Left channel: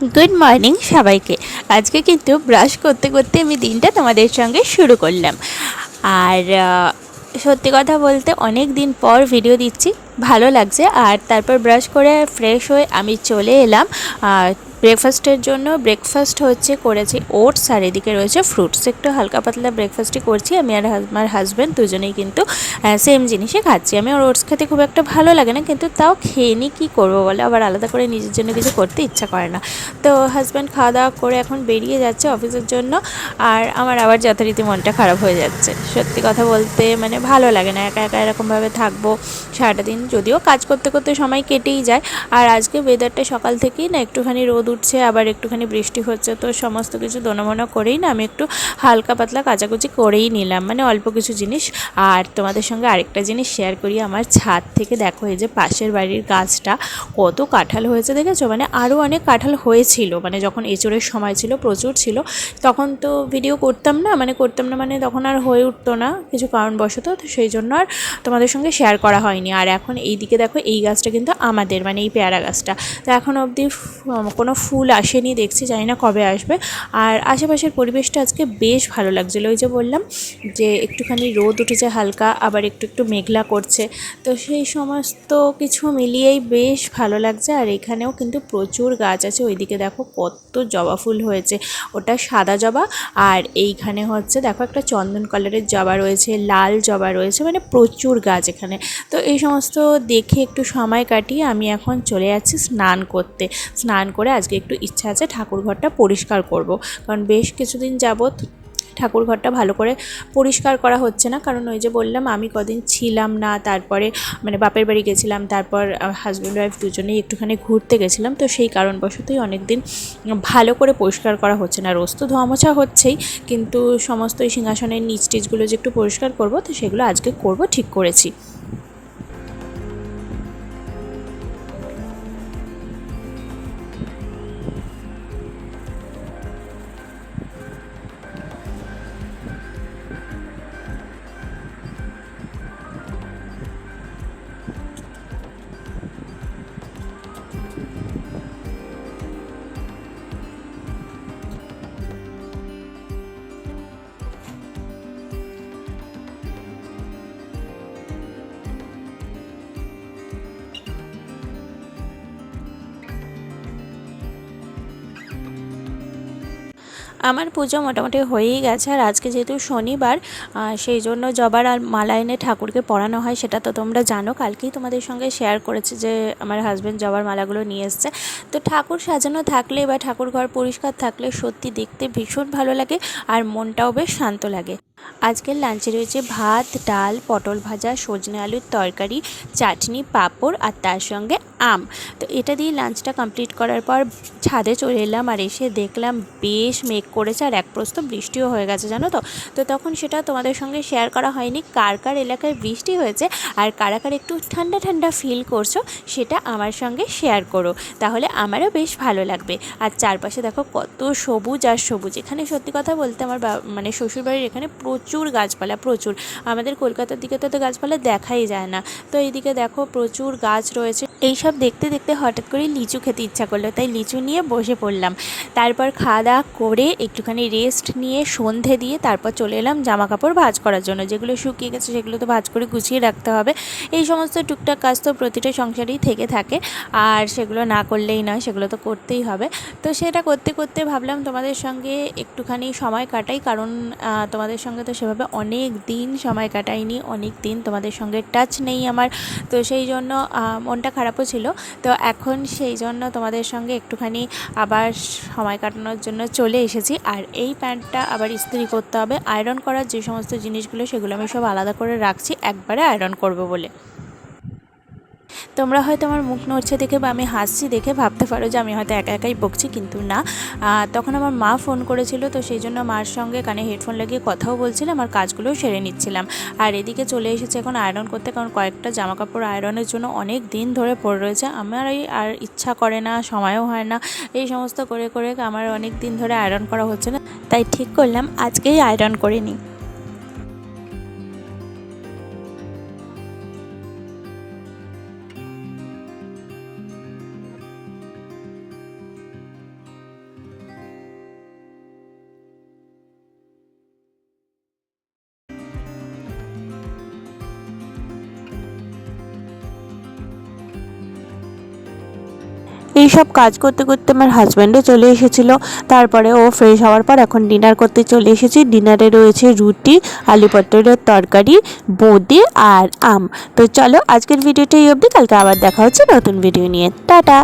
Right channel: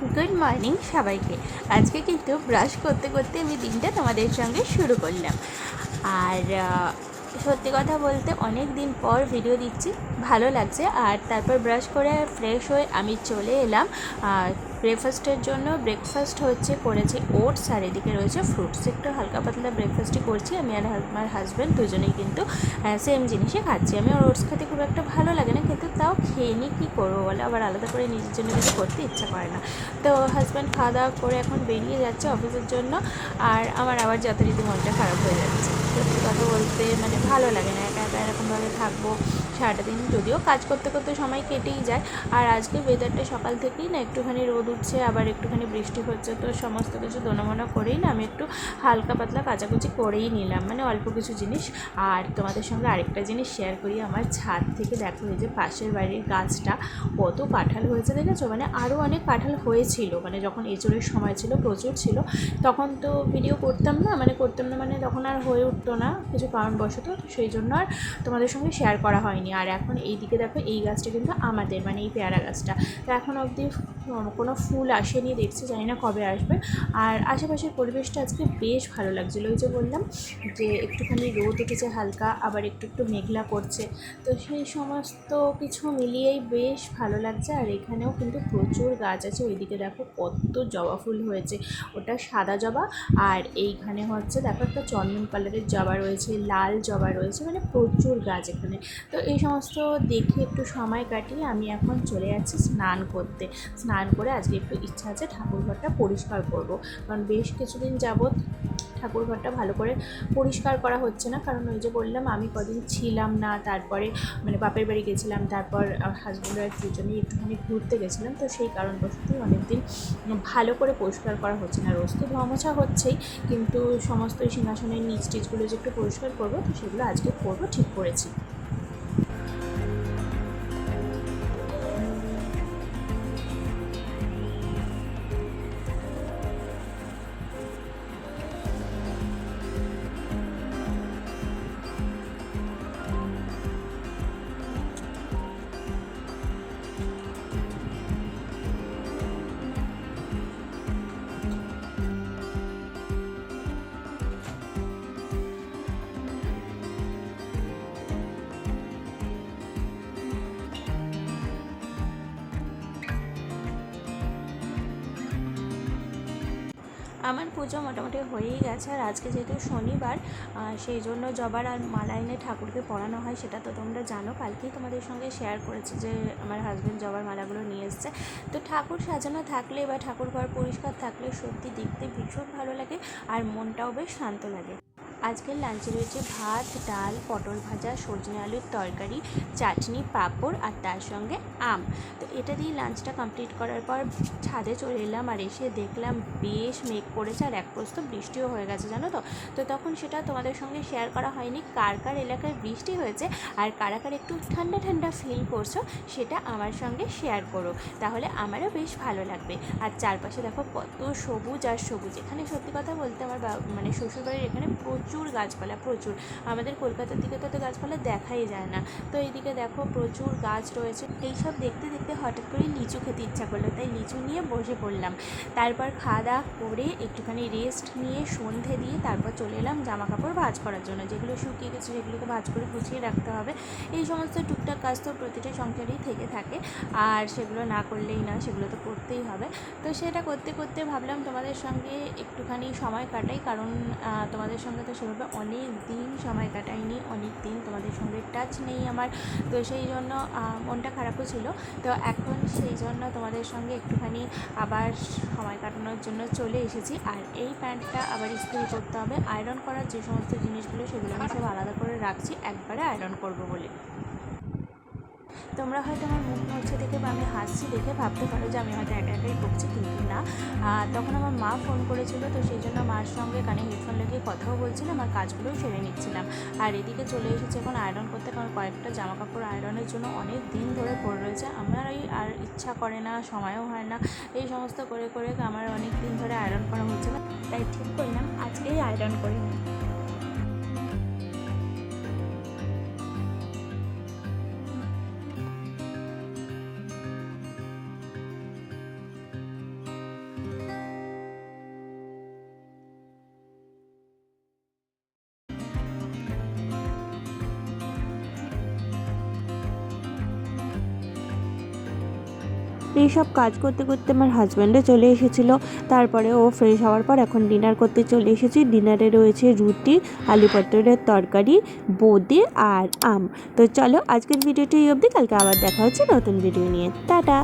Good morning সবাইকে। আজকে কিন্তু ব্রাশ করতে করতে আমি দিনটা তোমাদের সঙ্গে শুরু করলাম। আর সত্যি কথা বলতে অনেক দিন পর ভিডিও দিচ্ছি, ভালো লাগছে। আর তারপর ব্রাশ করে ফ্রেশ হয়ে আমি চলে এলাম ব্রেকফাস্টের জন্য। ব্রেকফাস্ট করেছি ওটস, আর এদিকে রয়েছে ফ্রুটস। একটু হালকা পাতলা ব্রেকফাস্টই করছি আমি আর আমার হাজব্যান্ড, দুজনেই কিন্তু সেম জিনিসই খাচ্ছি। আমি ওর ওটস খেতে খুব একটা ভালো লাগে না, কিন্তু তাও খেয়ে নিই, কী করবো বলে, আবার আলাদা করে নিজের জন্য কিছু করতে ইচ্ছা করে না। তো হাজব্যান্ড খাওয়া দাওয়া করে এখন বেরিয়ে যাচ্ছে অফিসের জন্য, আর আমার আবার যথারীতি মনটা খারাপ হয়ে যাচ্ছে। সত্যি কথা বলতে মানে ভালো লাগে না একা একা এরকমভাবে থাকবো সারাটা দিন, যদিও কাজ করতে করতে সময় কেটেই যায়। আর আজকে ওয়েদারটা সকাল থেকেই না একটুখানি রোদ উঠছে, আবার একটুখানি বৃষ্টি হচ্ছে, তো সমস্ত কিছু দোনোমনো করেই না আমি একটু হালকা পাতলা কাচাকুচি করেই নিলাম, মানে অল্প কিছু জিনিস। আর তোমাদের সঙ্গে আরেকটা জিনিস শেয়ার করি, আমার ছাদ থেকে দেখো এই যে পাশের বাড়ির গাছটা কত কাঁঠাল হয়েছে দেখেছো, মানে আরও অনেক কাঁঠাল হয়েছিল, মানে যখন এঁচোড়ের সময় ছিল প্রচুর ছিল, তখন তো ভিডিও করতাম না, মানে তখন আর হয়ে উঠতো না কিছু কারণবশত, তো সেই জন্য আর তোমাদের সঙ্গে শেয়ার করা হয়নি। আর এখন এই দিকে দেখো এই গাছটা কিন্তু আমাদের, মানে এই পেয়ারা গাছটা, তো এখন অবধি কোনো ফুল আসেনি, দেখছি জানি না কবে আসবে। আর আশেপাশের পরিবেশটা আজকে বেশ ভালো লাগছিলো, ওই যে বললাম যে একটুখানি রোদ উঠেছে হালকা, আবার একটু একটু মেঘলা করছে, তো সেই সমস্ত কিছু মিলিয়েই বেশ ভালো লাগছে। আর এখানেও কিন্তু প্রচুর গাছ আছে, ওইদিকে দেখো কত জবা ফুল হয়েছে, ওটা সাদা জবা, আর এইখানে দেখো একটা চন্দন কালারের জবা রয়েছে, লাল জবা রয়েছে, মানে প্রচুর গাছ এখানে। তো এই সমস্ত দেখে একটু সময় কাটিয়ে আমি এখন চলে যাচ্ছি স্নান করতে। স্নান করে আজকে একটু ইচ্ছা আছে ঠাকুরঘরটা পরিষ্কার করব, কারণ বেশ কিছুদিন যাবৎ ঠাকুরঘরটা ভালো করে পরিষ্কার করা হচ্ছে না, কারণ ওই যে বললাম আমি কদিন ছিলাম না, তারপরে মানে বাপের বাড়ি গেছিলাম, তারপর হাজব্যান্ড ওয়াইফ দুজনেই একটুখানি ঘুরতে গেছিলাম, তো সেই কারণবশতই অনেক দিন ভালো করে পরিষ্কার করা হচ্ছে না। রোজ তো ধোয়া মোছা হচ্ছেই, কিন্তু সমস্ত এই সিংহাসনের নিচ টিচগুলো যে একটু পরিষ্কার করব, তো সেগুলো আজকে করব, ঠিক করেছি। আমার পুজো মোটামুটি হয়েই গেছে, আর আজকে যেহেতু শনিবার, সেই জন্য জবার আর মালা এনে ঠাকুরকে পরানো হয়, সেটা তো তোমরা জানো। কালকেই তোমাদের সঙ্গে শেয়ার করেছি যে আমার হাজব্যান্ড জবার মালাগুলো নিয়ে এসছে। তো ঠাকুর সাজানো থাকলে বা ঠাকুর ঘর পরিষ্কার থাকলে সত্যি দেখতে ভীষণ ভালো লাগে, আর মনটাও বেশ শান্ত লাগে। আজকের লাঞ্চে রয়েছে ভাত, ডাল, পটল ভাজা, সজনে আলুর তরকারি, চাটনি, পাঁপড়, আর তার সঙ্গে আম। তো এটা দিয়ে লাঞ্চটা কমপ্লিট করার পর ছাদে চলে এলাম, আর এসে দেখলাম বেশ মেঘ করেছে, আর এক প্রস্ত বৃষ্টিও হয়ে গেছে, জানো তো। তো তখন সেটা তোমাদের সঙ্গে শেয়ার করা হয়নি, কার কার এলাকায় বৃষ্টি হয়েছে আর কারা কার একটু ঠান্ডা ঠান্ডা ফিল করছো, সেটা আমার সঙ্গে শেয়ার করো, তাহলে আমারও বেশ ভালো লাগবে। আর চারপাশে দেখো কত সবুজ আর সবুজ। এখানে সত্যি কথা বলতে আমার মানে শ্বশুরবাড়ির এখানে প্রচুর গাছপালা, প্রচুর। আমাদের কলকাতার দিকে তো গাছপালা দেখাই যায় না, তো এইদিকে দেখো প্রচুর গাছ রয়েছে। এইসব দেখতে দেখতে হঠাৎ করে লিচু খেতে ইচ্ছা করলো, তাই লিচু নিয়ে বসে পড়লাম। তারপর খাওয়া দাওয়া করে একটুখানি রেস্ট নিয়ে সন্ধে দিয়ে তারপর চলে এলাম জামা কাপড় ভাঁজ করার জন্য। যেগুলো শুকিয়ে গেছে সেগুলো তো ভাঁজ করে গুছিয়ে রাখতে হবে। এই সমস্ত টুকটাক কাজ তো প্রতিটা সংসারেই থেকে থাকে, আর সেগুলো না করলেই নয়, সেগুলো তো করতেই হবে। তো সেটা করতে করতে ভাবলাম তোমাদের সঙ্গে একটুখানি সময় কাটাই, কারণ তোমাদের সঙ্গে তো সেভাবে অনেক দিন সময় কাটাইনি, অনেক দিন তোমাদের সঙ্গে টাচ নেই আমার, তো সেই জন্য মনটা খারাপও ছিল। তো এখন সেই জন্য তোমাদের সঙ্গে একটুখানি আবার সময় কাটানোর জন্য চলে এসেছি। আর এই প্যান্টটা আবার ইস্ত্রি করতে হবে, আয়রন করার যে সমস্ত জিনিসগুলো সেগুলো আমি সব আলাদা করে রাখছি, একবারে আয়রন করব বলে। তোমরা হয়তো আমার মুখ নড়ছে দেখে বা আমি হাসছি দেখে ভাবতে পারো যে আমি হয়তো একা একাই বকছি, কিন্তু না। তখন আমার মা ফোন করেছিল, তো সেই জন্য মার সঙ্গে কানে হেডফোন লাগিয়ে কথাও বলছিলাম আর কাজগুলোও সেরে নিচ্ছিলাম। আর এদিকে চলে এসেছে এখন আয়রন করতে, কারণ কয়েকটা জামা কাপড় আয়রনের জন্য অনেক দিন ধরে পড়ে রয়েছে। আমার এই আর ইচ্ছা করে না, সময়ও হয় না, এই সমস্ত করে করে আমার অনেক দিন ধরে আয়রন করা হচ্ছে না, তাই ঠিক করলাম আজকেই আয়রন করে নিই। এই সব কাজ করতে করতে আমার হাজব্যান্ডও চলে এসেছিলো। তারপরে ও ফ্রেশ হওয়ার পর এখন ডিনার করতে চলে এসেছি। ডিনারে রয়েছে রুটি, আলু পটলের তরকারি, বোঁদে আর আম। তো চলো আজকের ভিডিওটা এই অবধি, কালকে আবার দেখা হচ্ছে নতুন ভিডিও নিয়ে। টাটা।